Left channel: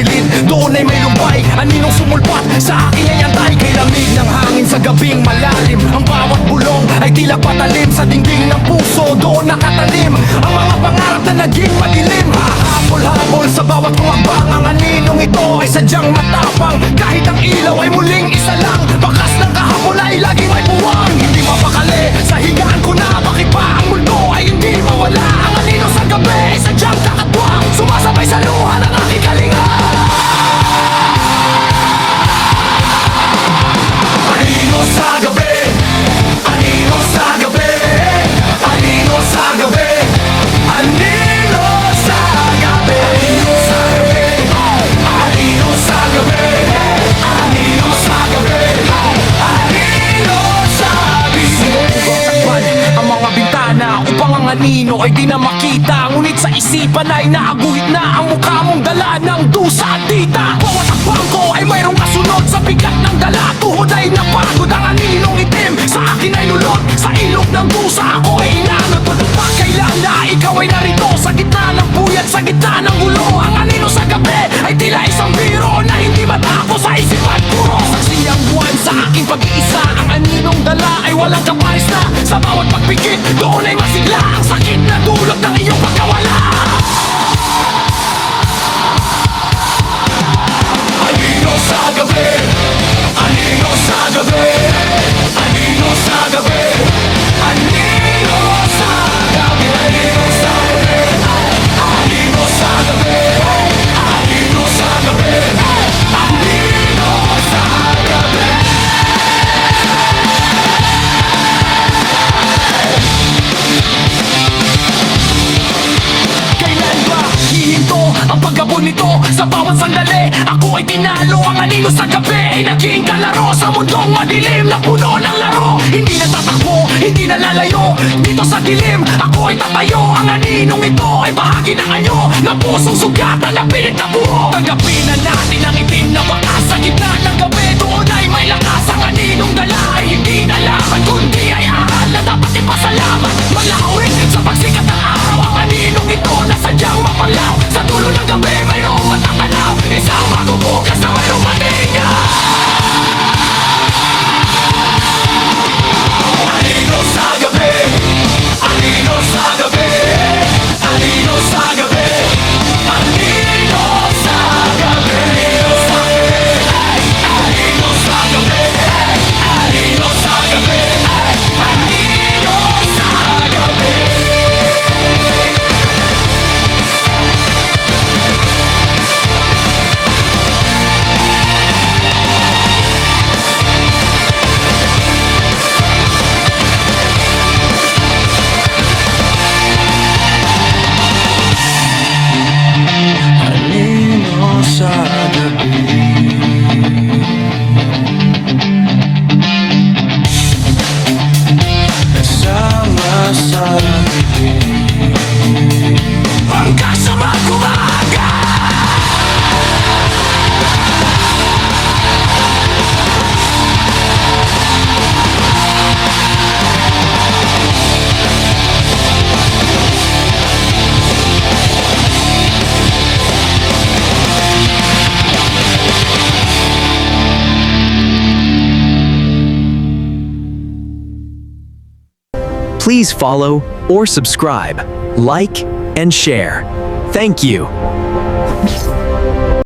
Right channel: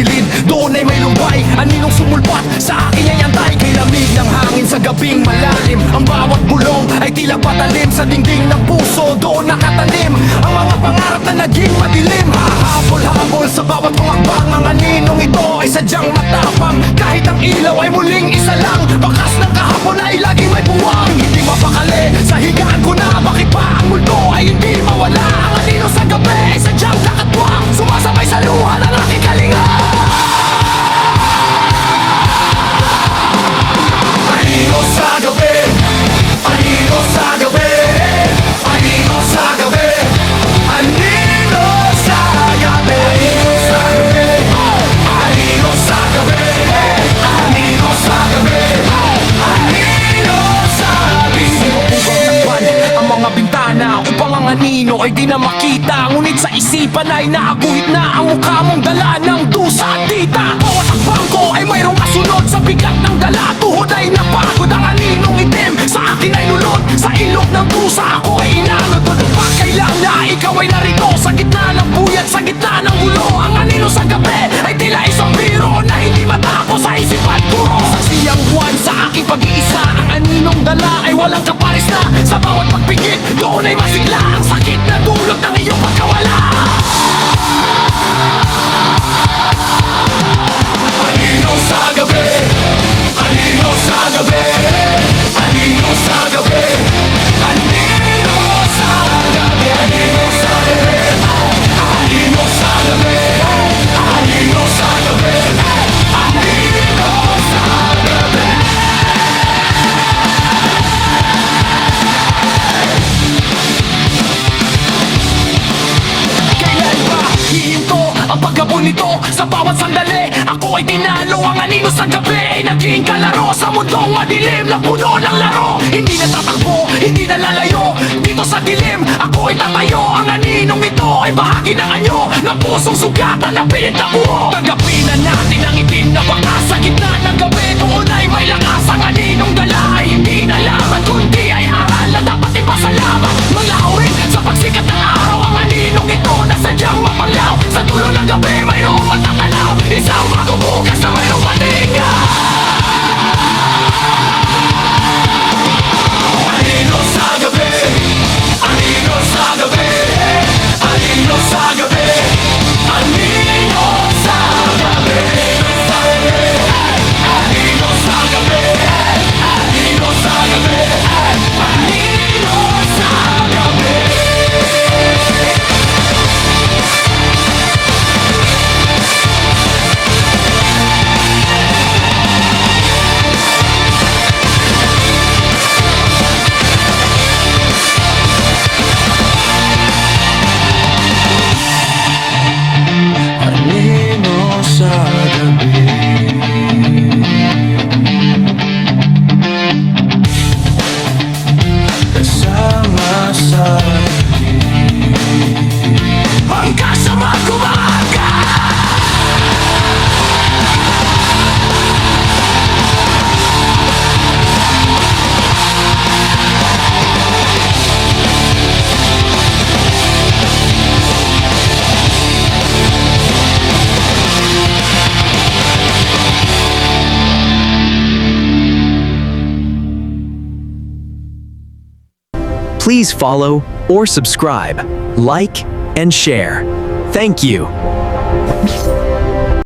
silid, doon ay may lumbay. Aninong sumulpat sa aking ay antay. Kay lamig ng hangin sa gabing malalim, ang bawat bulong ay tila patalim sa dingding ng puso, doon nakatanim ang mga pangarap na naging madilim. Hahabol-habol sa bawat kong akbang, ang aninong ito ay sadyang matapang. Kahit ang ilaw ay muling isa lang, bakas ng kahapon ay laging may puwang. Hindi mapakali sa higaan ko na, bakit ba ang mundo ay hindi mawala? Ang anino sa gabi ay sadyang kakatwang, sumasabay sa luha ng aking kalinga. Anino sa gabi, anino sa gabi, anino sa gabi, anino sa gabi, anino sa gabi, anino sa gabi, anino sa gabi, anino sa gabi. Sino po bang takpan ang mga bintana upang ang anino ay di na makita? Ngunit sa isipan ay naaguhit na ang mukha mong dala ng dusa at dita. Bawat akbang ko ay mayroong kasunod sa bigat ng dala. Tuhod ay napagod, ang aninong itim sa akin ay lulot. Sa ilog ng dusa ako ay inanod. Pagkailan na ikaw ay narito sa gitna ng puyat, sa gitna ng gulo. Ang anino sa gabi ay tila isang biro na hindi matapos sa isip at puro. Saksi ang buwan sa aking pag-iisa, ang aninong dala ay walang kaparis na. Sa bawat pagpikit, doon ay masigla ang sakit na dulot ng iyong pagkawala. Anino sa gabi, anino sa gabi, anino sa gabi, anino sa gabi, anino sa gabi, anino sa gabi, anino sa gabi, anino sa gabi. Kailan ba hihinto ang paggabon nito? Sa bawat sandali, ako ay tinalo. Ang anino sa gabi ay naging kalaro sa mundong madilim na puno ng laro. Hindi na tatakbo, hindi na lalayo. Dito sa dilim, ako ay tatayo. Ang aninong ito ay bahagi ng anyo na pusong sugatan na pilit na buo. Tanggapin na natin ang itim na bakas sa gitna ng gabi. Doon ay may lakas, ang aninong dala ay hindi na lamat, kundi ay aral na dapat ipasalamat. Malawin sa pagsikat ng araw, ang aninong ito na sadyang mapanglaw. Sa dulo ng gabi mayroong matatanaw, isang bagong bukas na mayroong matinga. Anino sa gabi, anino sa gabi, anino sa gabi, anino sa gabi, anino sa gabi, anino sa gabi, anino sa gabi. Anino sa gabi, kasama sa dilim, hanggang sa mag-umaga. Please follow or subscribe, like, and share. Thank you.